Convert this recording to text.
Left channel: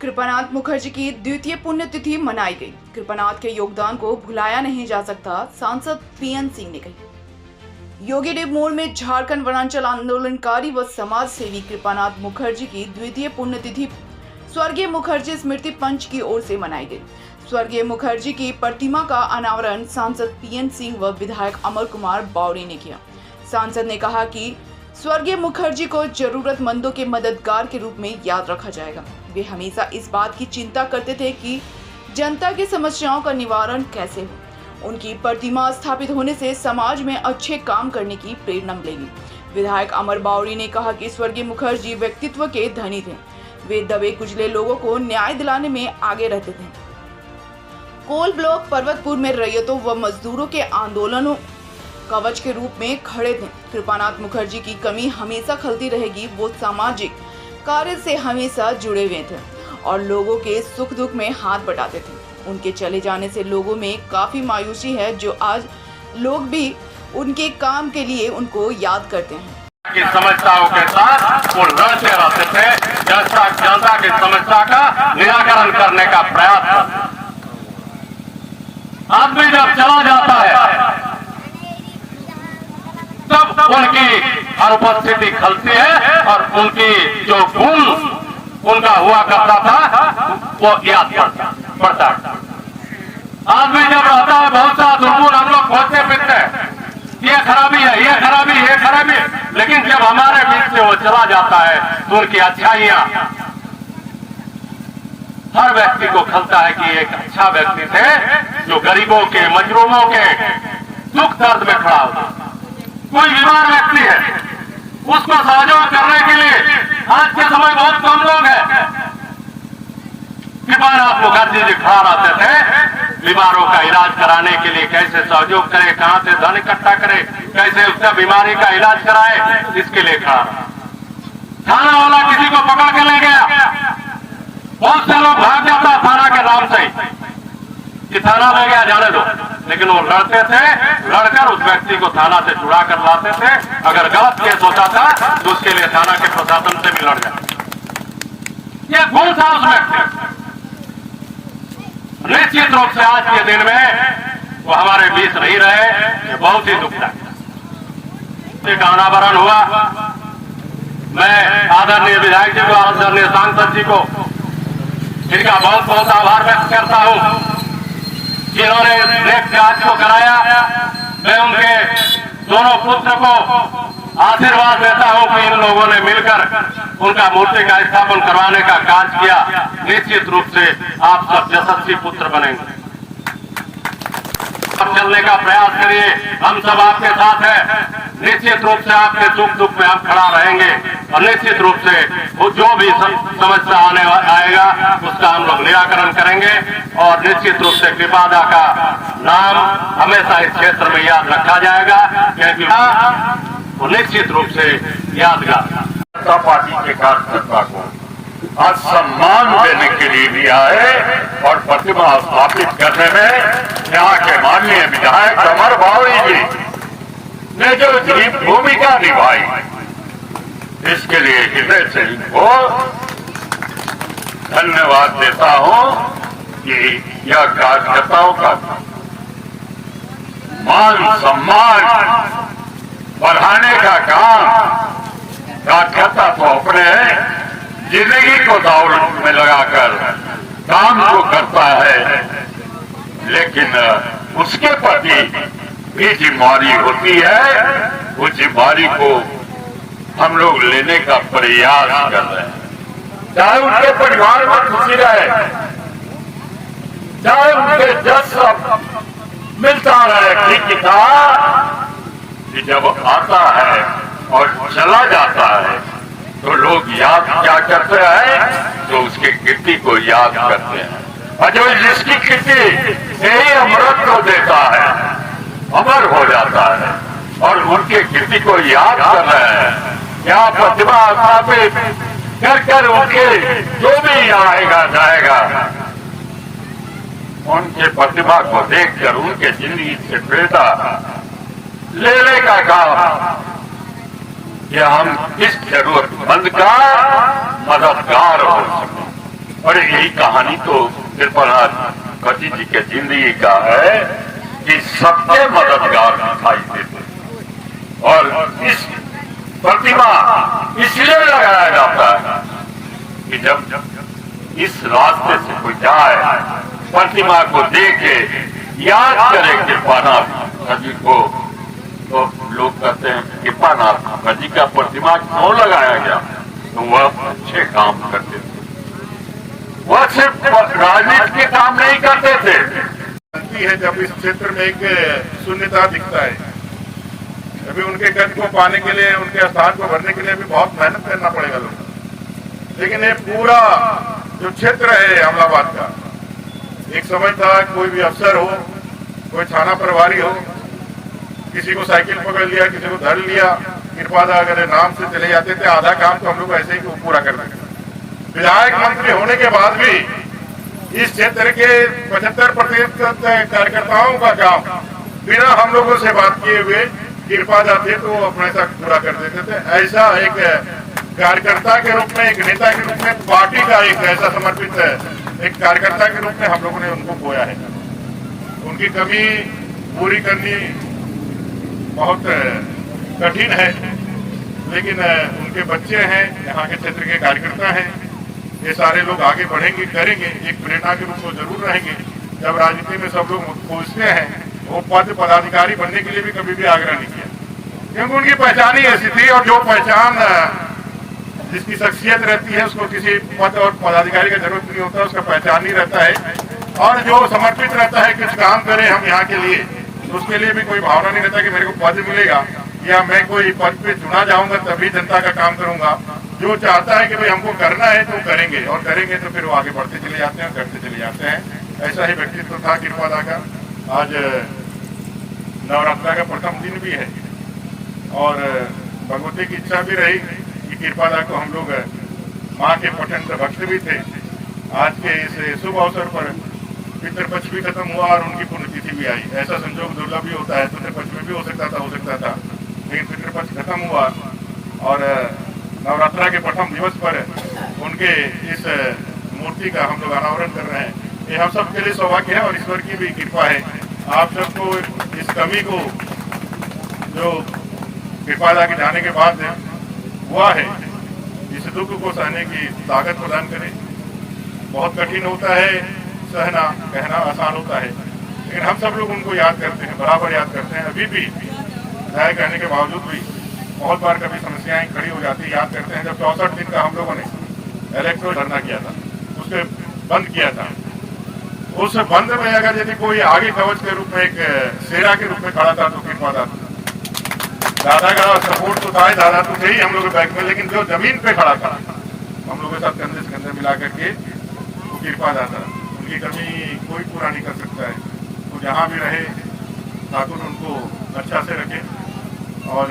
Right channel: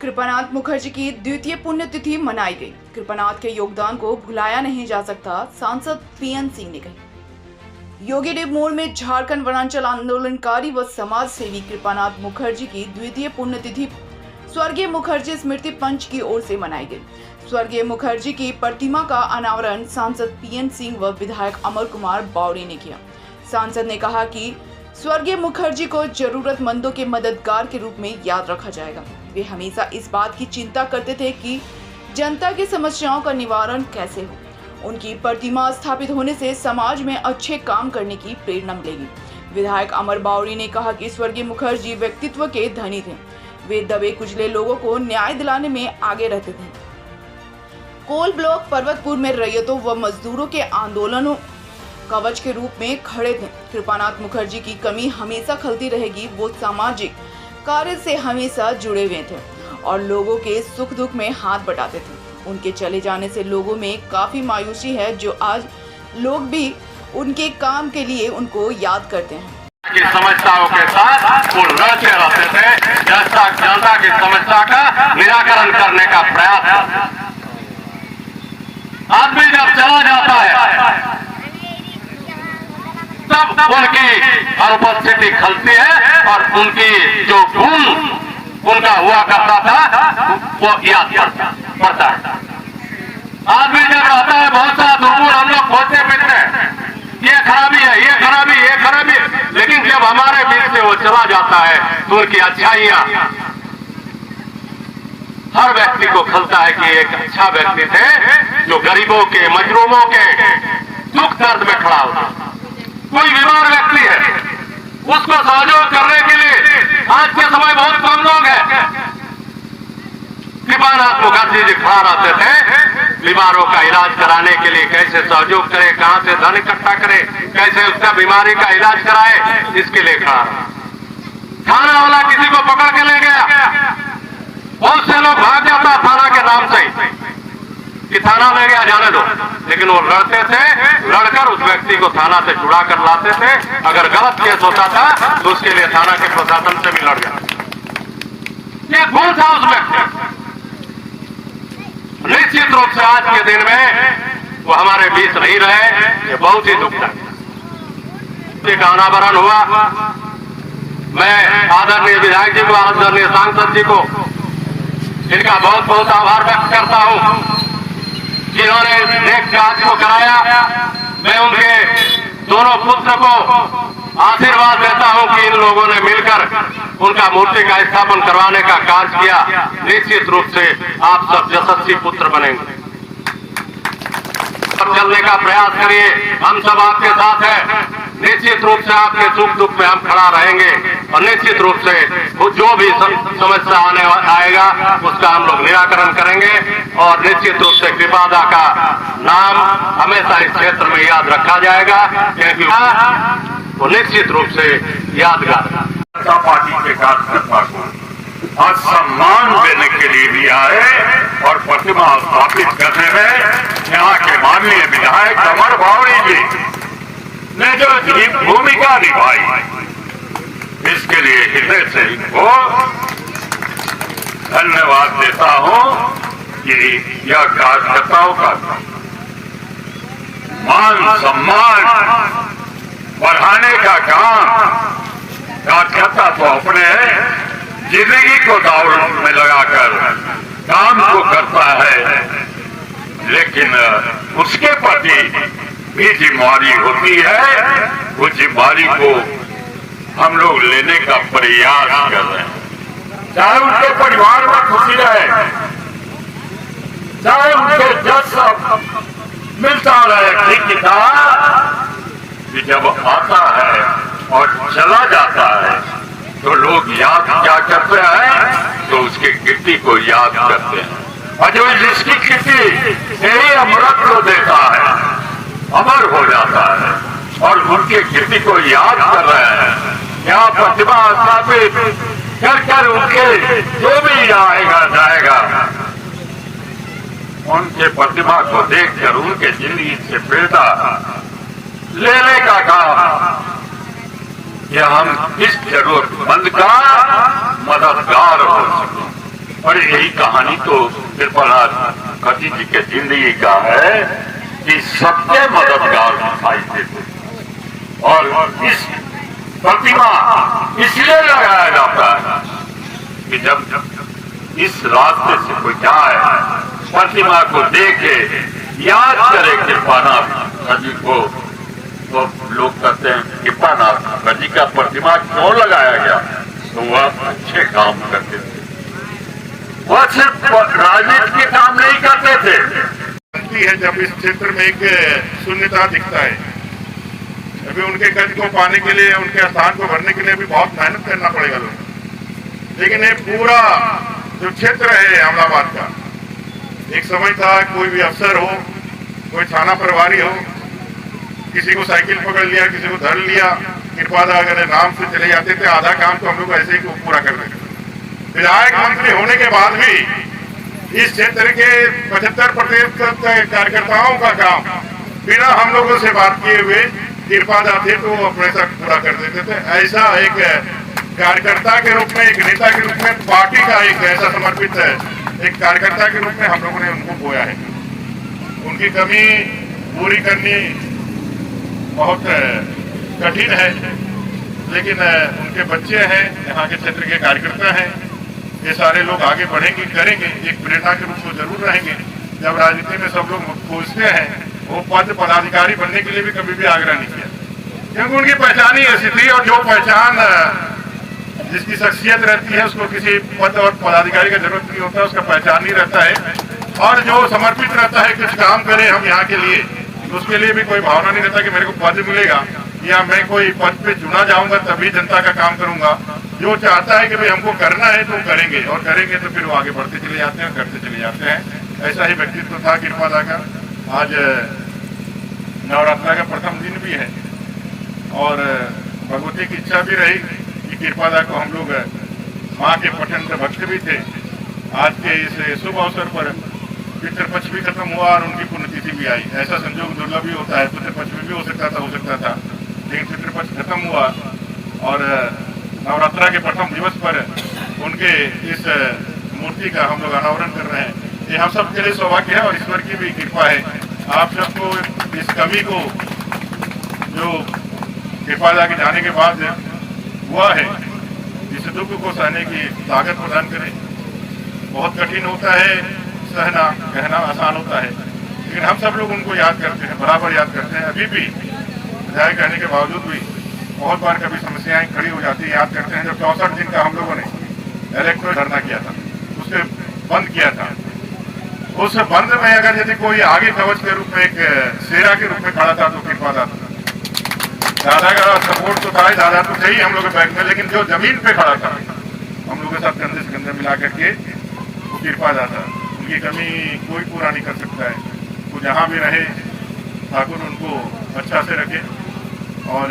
कृपानाथ मुखर्जी की द्वितीय पुण्यतिथि मनाई गई। कृपानाथ के योगदान को भुलाया नहीं जा सकता, सांसद पीएन सिंह ने कही। योगीदेव मोड़ में झारखंड वनांचल आंदोलनकारी व समाज सेवी कृपानाथ मुखर्जी की द्वितीय पुण्यतिथि स्वर्गीय मुखर्जी स्मृति पंच की ओर से मनाई गई। स्वर्गीय मुखर्जी की प्रतिमा का अनावरण सांसद पीएन सिंह व विधायक अमर कुमार बावरी ने किया। सांसद ने कहा कि स्वर्गीय मुखर्जी को जरूरतमंदों के मददगार के रूप में याद रखा जाएगा। वे हमेशा इस बात की चिंता करते थे कि जनता की समस्याओं का निवारण कैसे हो। उनकी प्रतिमा स्थापित होने से समाज में अच्छे काम करने की प्रेरणा मिलेगी। विधायक अमर बावरी ने कहा कि स्वर्गीय मुखर्जी व्यक्तित्व के धनी थे। वे दबे कुचले लोगों को न्याय दिलाने में आगे रहते थे। कोल ब्लॉक पर्वतपुर में रैयतों व मजदूरों के आंदोलनों कवच के रूप में खड़े थे। कृपानाथ मुखर्जी की कमी हमेशा खलती रहेगी। वो सामाजिक कार्य से हमेशा जुड़े हुए थे और लोगों के सुख दुख में हाथ बटाते थे। उनके चले जाने से लोगों में काफी मायूसी है, जो आज लोग भी उनके काम के लिए उनको याद करते हैं। की समस्याओं के साथ वो लड़ते रहते थे, जनता की समस्या का निराकरण करने का प्रयास करते। आदमी जब चला जाता है तब उनकी अनुपस्थिति खलती है और उनकी जो गुण उनका हुआ करता था वो याद पड़ता है। आदमी जब रहता है बहुत सा दुर्गुण हम लोग खोजते फिरते हैं, ये खराबी है, ये खराबी, ये खराबी है, लेकिन जब हमारे बीच से वो चला जाता है तो उनकी अच्छाइयां हर व्यक्ति को खलता है कि एक अच्छा व्यक्ति थे जो गरीबों के मजलूमों के दुख दर्द में खड़ा होता। कोई बीमार व्यक्ति है, उसको सहयोग करने के लिए आज के समय बहुत कम लोग हैं। कृपानाथ मुखर्जी जी खड़ा रहते थे, बीमारों का इलाज कराने के लिए कैसे सहयोग करे, कहां से धन इकट्ठा करे, कैसे उसका बीमारी का इलाज कराए, इसके लिए खड़ा। थाना वाला किसी को पकड़ के ले गया, बहुत से लोग भाग जाता थाना के नाम से कि थाना ले गया जाने दो, लेकिन वो लड़ते थे, लड़कर उस व्यक्ति को थाना से छुड़ा कर लाते थे। अगर गलत केस होता था तो उसके लिए थाना के प्रशासन से भी लड़ जाते। ये गुण था उस व्यक्ति। निश्चित रूप से आज के दिन में वो हमारे बीच नहीं रहे, ये बहुत ही दुखदायक। अनावरण हुआ, मैं आदरणीय विधायक जी को, आदरणीय सांसद जी को इनका बहुत बहुत आभार व्यक्त करता हूं, जिन्होंने नेक कार्य को कराया। मैं उनके दोनों पुत्र को आशीर्वाद देता हूं कि इन लोगों ने मिलकर उनका मूर्ति का स्थापन करवाने का कार्य किया। निश्चित रूप से आप सब यशस्वी पुत्र बनेंगे। चलने का प्रयास करिए, हम सब आपके साथ हैं। निश्चित रूप से आपके सुख दुख में हम खड़ा रहेंगे और निश्चित रूप से जो भी समस्या आने आएगा उसका हम लोग निराकरण करेंगे। और निश्चित रूप से कृपादा का नाम हमेशा इस क्षेत्र में याद रखा जाएगा, क्योंकि वो निश्चित रूप से यादगार पार्टी के कार्यकर्ता को आज सम्मान देने के लिए भी आए और प्रतिमा स्थापित करने में यहाँ के माननीय विधायक अमर बावरी जी ने जो भूमिका निभाई, इसके लिए हृदय से इनको धन्यवाद देता हूं कि यह कार्यकर्ताओं का मान सम्मान बढ़ाने का काम कार्यकर्ता तो अपने जिंदगी को दाव में लगाकर काम को करता है, लेकिन उसके प्रति भी जिम्मेदारी होती है। उस जिम्मेदारी को हम लोग लेने का प्रयास कर रहे हैं, चाहे उनके परिवार में खुशी रहे, चाहे उनके जस मिलता रहे। ठीक था कि जब आता है और चला जाता है तो लोग याद क्या करते हैं, तो उसकी कीर्ति को याद करते हैं। और जो जिसकी कीर्ति यही अमृत को देता है, अमर हो जाता है, और उनके कीर्ति को याद कर रहे हैं। यहाँ प्रतिमा स्थापित कर कर उनके जो भी आएगा जाएगा, उनके प्रतिमा को देखकर उनके जिंदगी से प्रेरणा लेने का काम कि हम किस जरूरतमंद का मददगार हो सके। अरे यही कहानी तो कृपानाथ कति जी के जिंदगी का है कि सबके मददगार दिखाई देते और इस प्रतिमा इसलिए लगाया जाता है कि जब इस रास्ते से कोई जाए प्रतिमा को देखे याद करे कृपानाथ जी को तो लोग कहते हैं कृपानाथ जी का प्रतिमा क्यों लगाया गया तो वह अच्छे काम करते थे, वह सिर्फ राजनीति के काम नहीं करते थे। है जब इस क्षेत्र में एक शून्यता दिखता है अभी उनके कद को पाने के लिए उनके स्थान को भरने के लिए भी बहुत मेहनत करना पड़ेगा लोग। लेकिन ये पूरा जो क्षेत्र है अहमदाबाद का एक समय था कोई भी अफसर हो कोई थाना प्रभारी हो किसी को साइकिल पकड़ लिया किसी को धर लिया कृपादा अगर नाम से चले जाते थे आधा काम तो हम लोग ऐसे ही पूरा कर देते। विधायक मंत्री होने के बाद भी इस क्षेत्र के 75% कार्यकर्ताओं का काम बिना हम लोगों से बात किए हुए कृपादा थे तो वो अपने साथ पूरा कर देते थे। ऐसा एक कार्यकर्ता के रूप में एक नेता के रूप में पार्टी का एक ऐसा समर्पित एक कार्यकर्ता के रूप में हम लोगों ने उनको बोया है। उनकी कमी पूरी करनी बहुत कठिन है लेकिन उनके बच्चे हैं यहाँ के क्षेत्र के कार्यकर्ता हैं ये सारे लोग आगे बढ़ेंगे करेंगे एक प्रेरणा के रूप में जरूर रहेंगे। जब राजनीति में सब लोग पूछते हैं वो पद पदाधिकारी बनने के लिए भी कभी भी आग्रह नहीं किया क्योंकि उनकी पहचान ही ऐसी थी और जो पहचान जिसकी शख्सियत रहती है उसको किसी पद और पदाधिकारी का जरूरत नहीं होता उसका पहचान ही रहता है और जो समर्पित रहता है कुछ काम करे हम यहाँ के लिए उसके लिए भी कोई भावना नहीं रहता कि मेरे को पद मिलेगा या मैं कोई पद पे चुना जाऊंगा तभी जनता का काम करूंगा। जो चाहता है कि भाई हमको करना है तो करेंगे और करेंगे तो फिर वो आगे बढ़ते चले जाते हैं करते चले जाते हैं। ऐसा ही व्यक्तित्व था कृपादा का। आज नवरात्रा का प्रथम दिन भी है और भगवती की इच्छा भी रही कि कृपादा को हम लोग माँ के प्रचंड भक्त भी थे। आज के इस शुभ अवसर पर पितृपक्ष भी खत्म हुआ और उनकी पुण्यतिथि भी आई। ऐसा संजोग दुर्लभ भी होता है पितृपक्ष में भी हो सकता था लेकिन पितृपक्ष खत्म हुआ और नवरात्रा के प्रथम दिवस पर उनके इस मूर्ति का हम लोग अनावरण कर रहे हैं। ये हम सब के लिए सौभाग्य है और ईश्वर की भी कृपा है। आप सबको इस कमी को जो कृपादा के जाने के बाद हुआ है इस दुख को सहने की ताकत प्रदान करे। बहुत कठिन होता है सहना कहना आसान होता है लेकिन हम सब लोग उनको याद करते हैं बराबर याद करते हैं। अभी भी विधायक रहने के बावजूद भी बहुत बार कभी समस्याएं खड़ी हो जाती है याद करते हैं। जब 64 दिन का हम लोगों ने इलेक्ट्रो धरना किया था उसे बंद किया था उस बंद में अगर यदि कोई आगे कवच के रूप में एक सेरा के रूप में खड़ा था तो कृपादा दादा का सपोर्ट तो था दादा तो थे ही हम लोग बैंक में लेकिन जो जमीन पे खड़ा था हम लोग के साथ कंधे से कंधे मिला करके वो कृपादा था। उनकी कमी कोई पूरा नहीं कर सकता है। वो जहाँ भी रहे ठाकुर उनको अच्छा से रखे और